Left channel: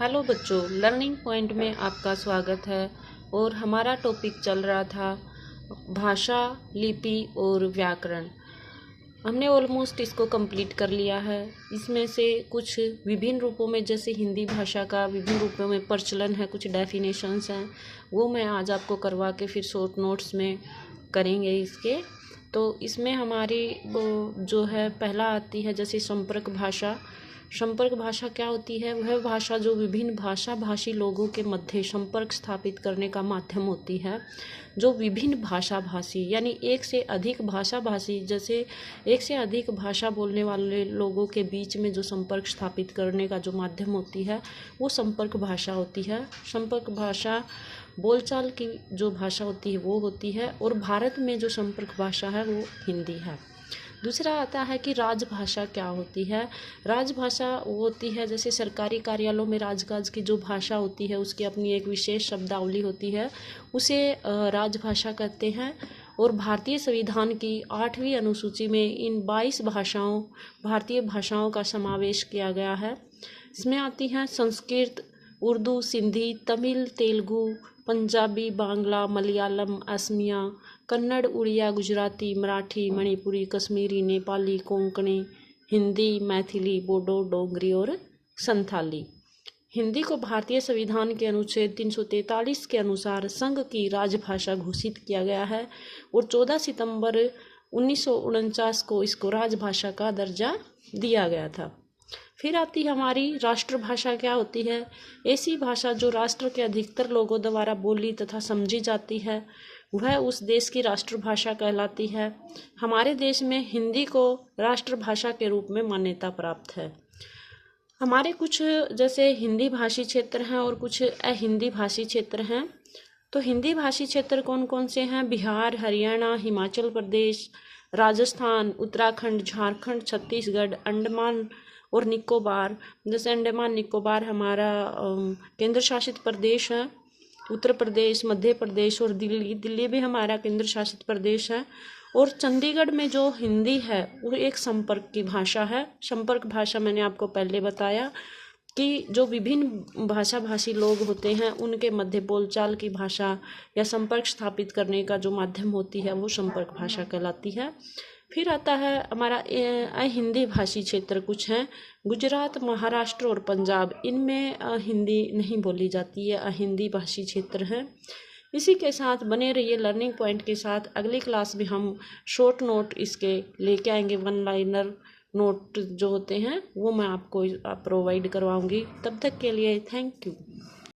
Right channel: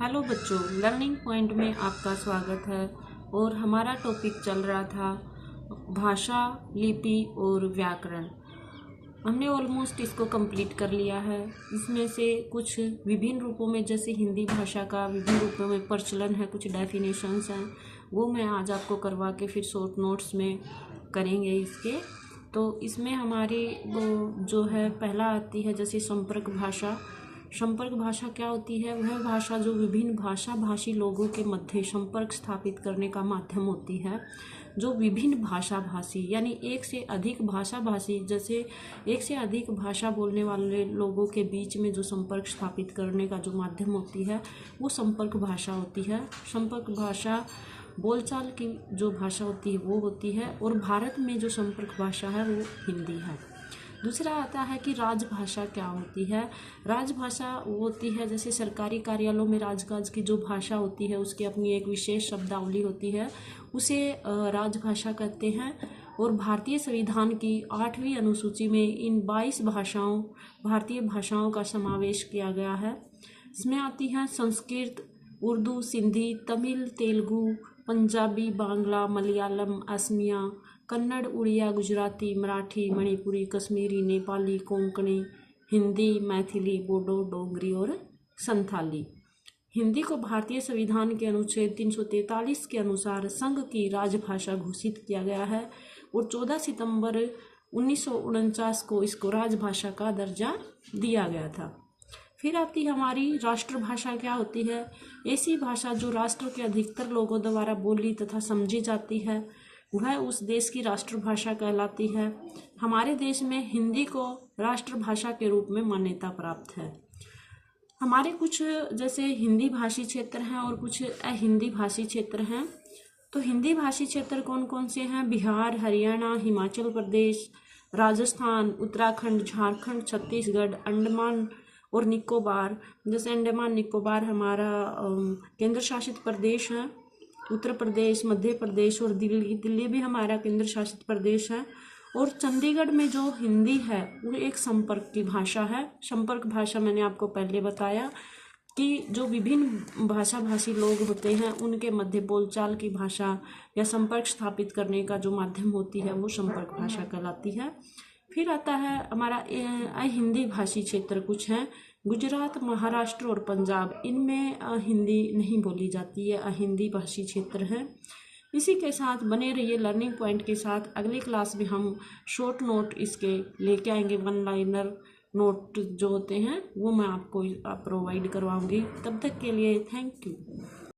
Hello बच्चों, learning point में आपका स्वागत है। और हमारा टॉपिक चल रहा था भाषा, लिपि और व्याकरण। हमने ऑलमोस्ट इसको कंप्लीट कर लिया है। इसमें से कुछ विभिन्न रूपों में, जैसे हिंदी भाषा का विभिन्न रूपों में प्रचलन है, कुछ डेफिनेशंस हैं, वो मैं आज आपको करवा के फिर शॉर्ट नोट्स में करेंगे इसके। तो इसमें हमारी वो जो है पहला आती है जैसे संपर्क भाषा। संपर्क भाषा क्या होती है? वह भाषा जो विभिन्न भाषा भाषी लोगों के मध्य संपर्क स्थापित करने का माध्यम होती है। जो विभिन्न भाषा भाषी यानी एक से अधिक भाषा भाषी, जैसे एक से अधिक भाषा बोलने वाले लोगों के बीच में जो संपर्क स्थापित करने का जो माध्यम होती है वो संपर्क भाषा होती है। संपर्क भाषा बोलचाल की जो भाषा होती है वो होती है। और भारत में जो संपर्क भाषा है वो हिंदी है। दूसरा आता है कि राजभाषा क्या होती है। राजभाषा वो होती है जैसे सरकारी कार्यालयों में राजकाज की जो भाषा होती है उसकी अपनी एक विशेष शब्दावली होती है, उसे राजभाषा कहते हैं। और भारतीय संविधान की 8वीं अनुसूची में इन 22 भाषाओं भारतीय भाषाओं का समावेश किया गया है। इसमें आती हैं संस्कृत, उर्दू, सिंधी, तमिल, तेलुगु, पंजाबी, बांग्ला, मलयालम, असमिया, कन्नड़, उड़िया, गुजराती, मराठी, मणिपुरी, कश्मीरी, नेपाली, कोंकणी, हिंदी, मैथिली, बोडो, डोगरी और संथाली। हिंदी को भारतीय संविधान के अनुच्छेद 343 के अनुसार संघ की राजभाषा घोषित किया गया है और 14 सितंबर 1949 को इसको राजभाषा का दर्जा दिया गया था। फिर आती हमारी राष्ट्रभाषा क्या होती है। ऐसी भाषा जो राष्ट्र के अधिकतर लोगों द्वारा बोली तथा समझी जाती है वह उस देश की राष्ट्रभाषा कहलाती है। हमारे देश में हिंदी को राष्ट्रभाषा के रूप में मान्यता प्राप्त है। हमारे कुछ जैसे हिंदी भाषी क्षेत्र हैं और कुछ अहिंदी भाषी क्षेत्र हैं। तो हिंदी भाषी क्षेत्र कौन कौन से हैं? बिहार, हरियाणा, हिमाचल प्रदेश, राजस्थान, उत्तराखंड, झारखंड, छत्तीसगढ़, अंडमान और निकोबार। जैसे अंडमान निकोबार हमारा केंद्र शासित प्रदेश है। उत्तर प्रदेश, मध्य प्रदेश और दिल्ली भी हमारा केंद्र शासित प्रदेश है। और चंडीगढ़ में जो हिंदी है वो एक संपर्क की भाषा है। संपर्क भाषा मैंने आपको पहले बताया कि जो विभिन्न भाषा भाषी लोग होते हैं उनके मध्य बोलचाल की भाषा या संपर्क स्थापित करने का जो माध्यम होती है वो संपर्क भाषा कहलाती है। फिर आता है हमारा अहिंदी भाषी क्षेत्र कुछ हैं। गुजरात, महाराष्ट्र और पंजाब, इनमें हिंदी नहीं बोली जाती है, अहिंदी भाषी क्षेत्र हैं। इसी के साथ बने रहिए लर्निंग पॉइंट के साथ। अगली क्लास में हम शॉर्ट नोट इसके लेके आएंगे, वन लाइनर नोट जो होते हैं वो मैं आपको प्रोवाइड करवाऊंगी। तब तक के लिए थैंक यू।